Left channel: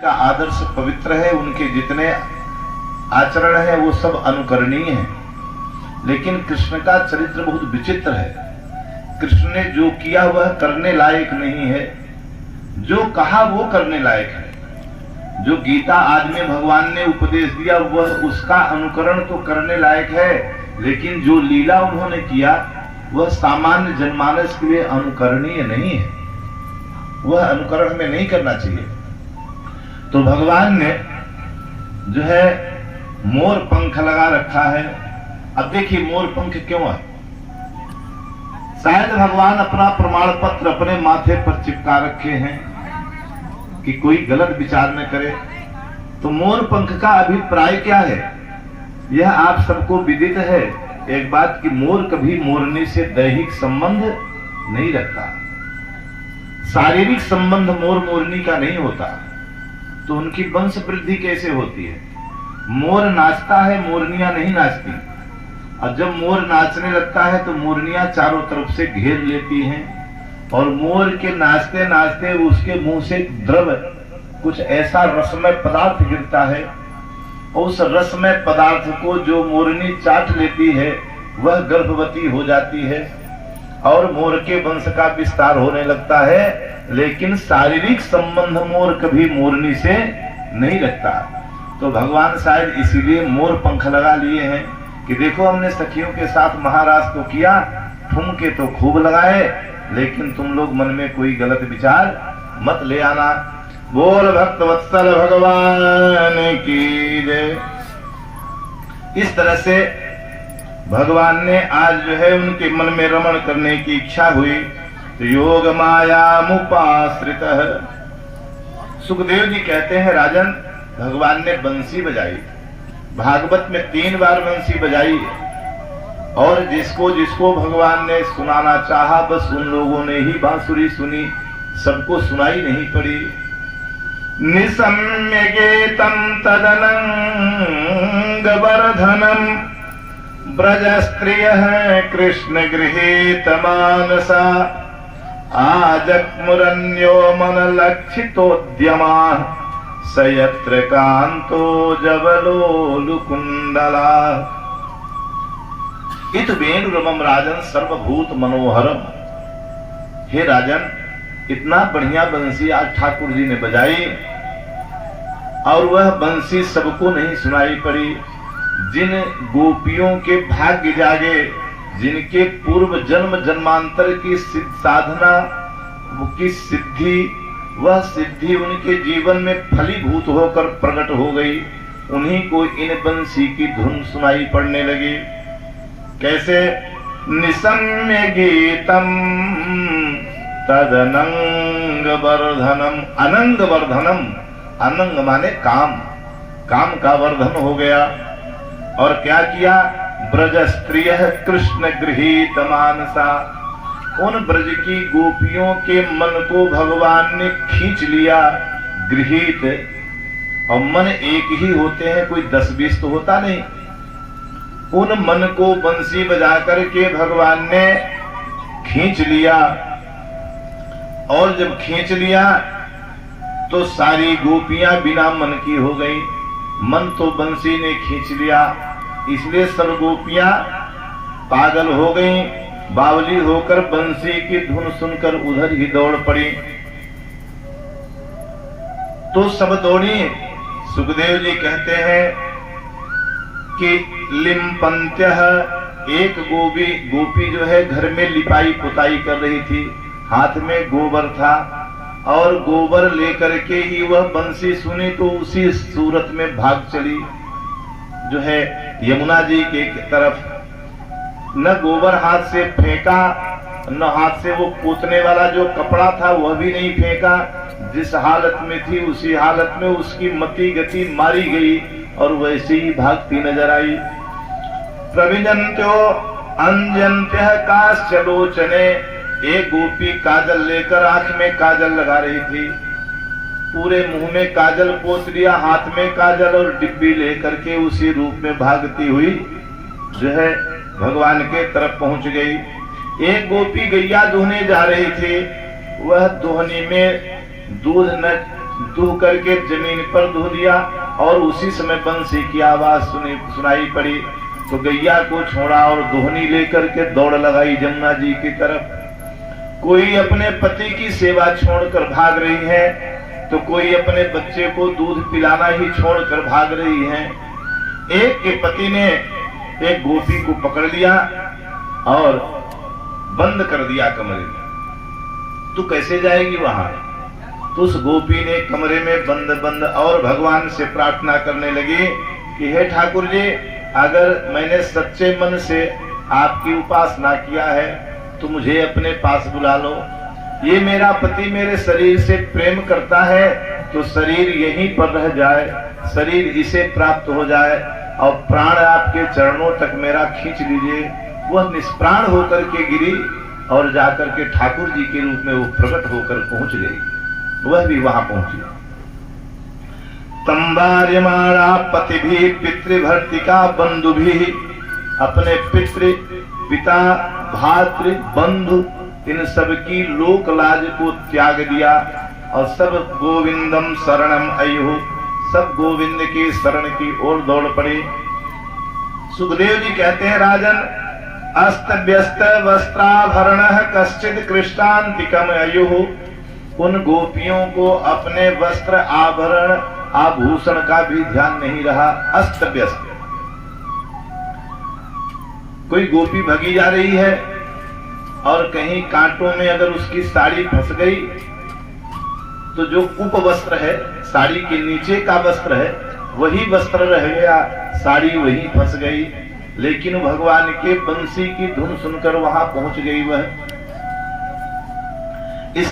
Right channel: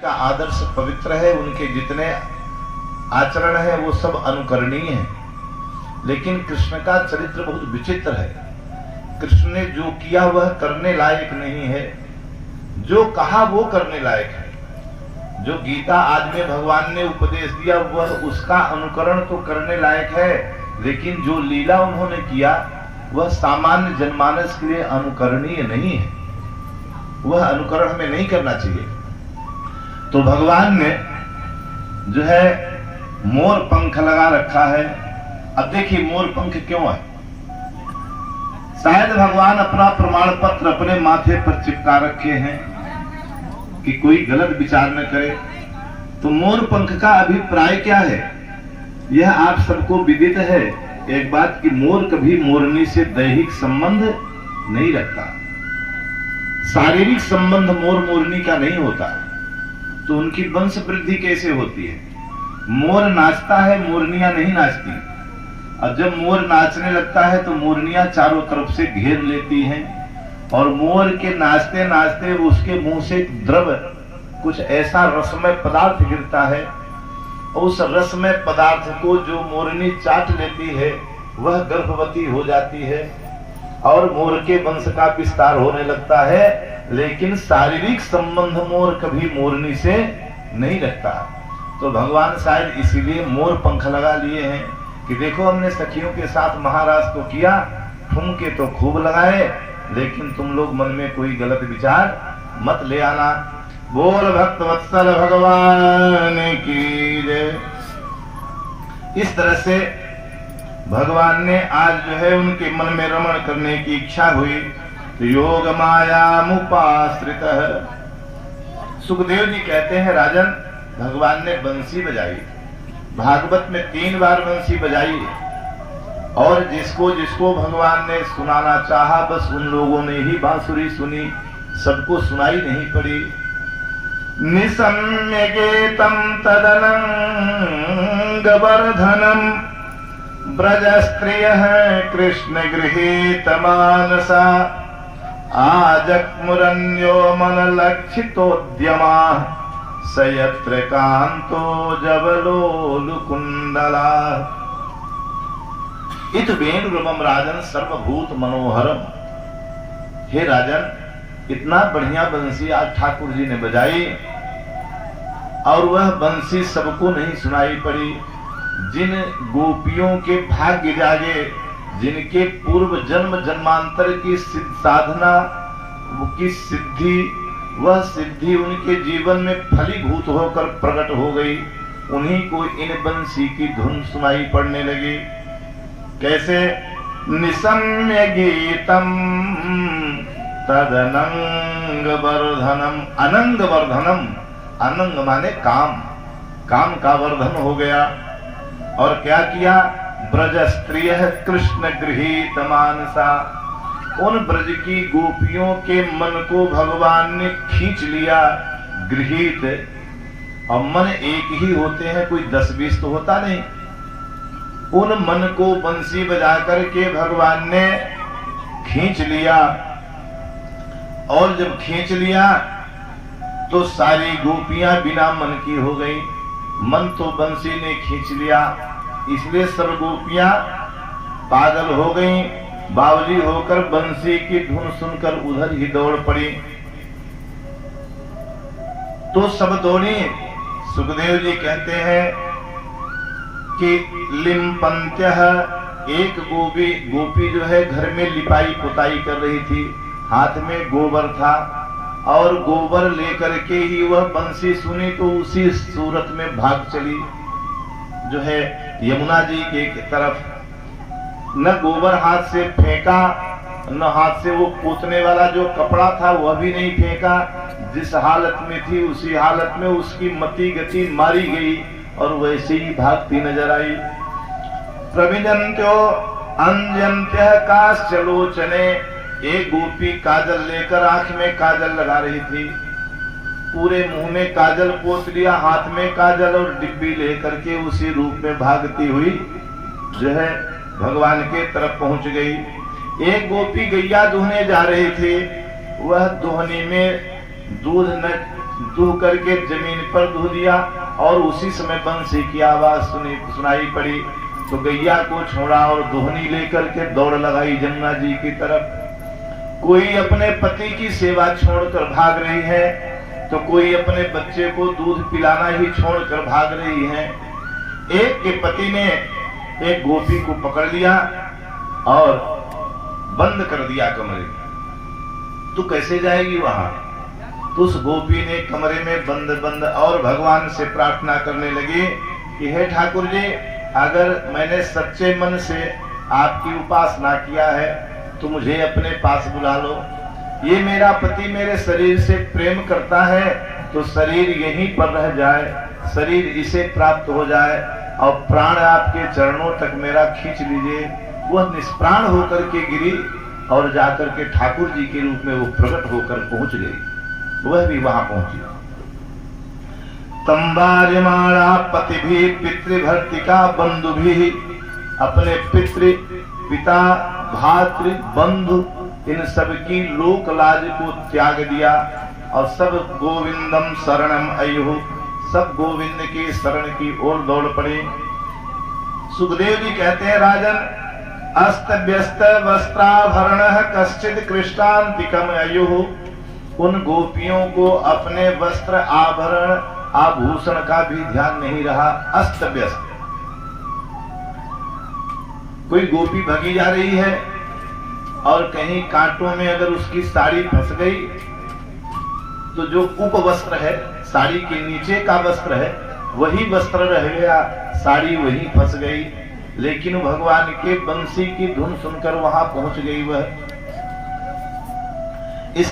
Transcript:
का आदर्श पवित्र है, उनके जितने आचरण है वो सब अनुकरणीय है। लेकिन कृष्ण का चरित्र बहुत विचित्र है। कृष्ण ने जो किया वह करने लायक नहीं है, जो कहा वो करने लायक है। जो गीता आदि में भगवान ने उपदेश दिया वह उसका अनुकरण तो करने लायक है, लेकिन जो लीला उन्होंने किया वह सामान्य जनमानस के लिए अनुकरणीय नहीं है। वह अनुकरण हमें नहीं करना चाहिए। तो भगवान ने जो है मोर पंख लगा रखा है। अब देखिए मोर पंख क्यों है। शायद भगवान अपना प्रमाण पत्र अपने माथे पर चिपका रखे हैं कि कोई गलत विचार न करे। तो मोर पंख का अभिप्राय क्या है, यह आप सबको विदित है एक बात कि मोर कभी मोरनी से दैहिक संबंध नहीं रखता। शारीरिक संबंध मोर मोरनी का नहीं होता, तो उनकी वंश वृद्धि कैसे होती है। मोर नाचता है, मोरनियां नहीं नाचती। और जब मोर नाचने लगता है तो मोरनियां चारों तरफ से घेर लेती हैं और मोर के नाचते नाचते उसके मुंह से द्रव कुछ ऐसा रसमय पदार्थ गिरता है। उस रसमय पदार्थ को जो मोरनी चाट लेती है वह गर्भवती हो जाती है और मोर के वंश का विस्तार होने लगता है। लेकिन शारीरिक संबंध मोर कभी मोरनी से नहीं रखता। तो भगवान शायद इसीलिए मोर पंख लगा लिए हैं कि देखो हमने सखियों के साथ महाराज को किया, ठुमके तो खूब लगाए, लेकिन तुम लोग मन में कोई गलत विचार मत ले आना। बोल भक्त वत्सल भगवान की जय। इस तरह से भगवान ने आज जो है उनके मन में रमण करने की इच्छा हुई तो योग माया मुपाश्रित। सुखदेव जी कहते हैं राजन भगवान ने बंसी बजाई, भागवत में 3 बार बंसी बजाई और जिसको जिसको भगवान ने सुनाना चाहा बस उन लोगों ने ही बांसुरी सुनी, सबको सुनाई नहीं पड़ी। निसम्य गेतम तदनंग वर्धनम ब्रज स्त्रिय कृष्ण गृहीत मानसा आजक्मुरन्यो मन लक्षितोद्यमा सयत्र कांतो जबलोलुकुंडला। इत वेणुरमम राजन सर्वभूत मनोहरम। हे राजन इतना बढ़िया बंसी आज ठाकुर जी ने बजाई और वह बंसी सबको नहीं सुनाई पड़ी। जिन गोपियों के भाग्य जागे, जिनके पूर्व जन्म जन्मांतर की साधना की सिद्धि, वह सिद्धि उनके जीवन में फलीभूत होकर प्रकट हो गई, उन्हीं को इन बंसी की धुन सुनाई पड़ने लगी। कैसे निसम्य गीतम तदनंग वर्धनम। अनंग वर्धनम, अनंग माने काम, काम का वर्धन हो गया। और क्या किया, ब्रज स्त्रिय कृष्ण गृहीत मानसा। उन ब्रज की गोपियों के मन को भगवान ने खींच लिया। गृहीत, और मन एक ही होते हैं, कोई 10-20 तो होता नहीं। उन मन को बंसी बजा करके भगवान ने खींच लिया और जब खींच लिया तो सारी गोपियां बिना मन की हो गई। मन तो बंसी ने खींच लिया, इसलिए सब गोपियां पागल हो गईं, बावली होकर बंसी की धुन सुनकर उधर ही दौड़ पड़ी। तो सब दौड़ी। सुखदेव जी कहते हैं कि लिम्पंत्यः, एक गोपी जो है घर में लिपाई पुताई कर रही थी, हाथ में गोबर था और गोबर लेकर के ही वह बंसी सुनी तो उसी सूरत में भाग चली जो है यमुना जी के तरफ। न गोबर हाथ से फेंका, न हाथ से वो पोतने वाला जो कपड़ा था वह भी नहीं फेंका। जिस हालत में थी उसी हालत में उसकी मति गति मारी गई और वैसे ही भागती नजर आई। प्रविजन्त्यो अंजन्त्यः काश्चलोचने, एक गोपी काजल लेकर आंख में काजल लगा रही थी, पूरे मुंह में काजल पोत लिया, हाथ में काजल और डिब्बी लेकर के उसी रूप में भागती हुई जो है भगवान के तरफ पहुंच गई। एक गोपी गैया दुहने जा रही थी, वह दोहनी में दूध न दूह करके जमीन पर दूह दिया और उसी समय बंसी की आवाज सुनाई पड़ी तो गैया को छोड़ा और दोहनी लेकर के दौड़ लगाई जमुना जी की तरफ। कोई अपने पति की सेवा छोड़कर भाग रही है तो कोई अपने बच्चे को दूध पिलाना ही छोड़कर भाग रही है। एक के पति ने एक गोपी को पकड़ लिया और बंद कर दिया कमरे में। तू कैसे जाएगी वहां? तो उस गोपी ने कमरे में बंद और भगवान से प्रार्थना करने लगी कि हे ठाकुर जी, अगर मैंने सच्चे मन से आपकी उपासना किया है तो मुझे अपने पास बुला लो। ये मेरा पति मेरे शरीर से प्रेम करता है तो शरीर यहीं पर रह जाए, शरीर इसे प्राप्त हो जाए और प्राण आपके चरणों तक मेरा खींच लीजिए। वह निष्प्राण होकर के गिरी और जाकर के ठाकुर जी के रूप में वो प्रकट होकर पहुंच गई। वह भी वहां पहुंची। तंबार्यमाणा पति भी पितृभर्तिका बंधु भी, अपने पिता भातृ बंधु इन सब की लोक लाज को त्याग दिया और सब गोविंदम शरणम अयुः, सब गोविंद की शरण की ओर दौड़ पड़े। सुखदेव जी कहते हैं, राजन, अस्त व्यस्त वस्त्राभरण कश्चित कृष्णांतिकम अयुः, उन गोपियों को अपने वस्त्र आभरण आभूषण का भी ध्यान नहीं रहा। अस्त व्यस्त, कोई गोपी भगी जा रही है और कहीं कांटों में अगर उसकी साड़ी फंस गई तो जो उप वस्त्र है, साड़ी के नीचे का वस्त्र है, वही वस्त्र रह गया, साड़ी वही फंस गई। लेकिन भगवान के बंसी की धुन सुनकर वहां पहुंच गई वह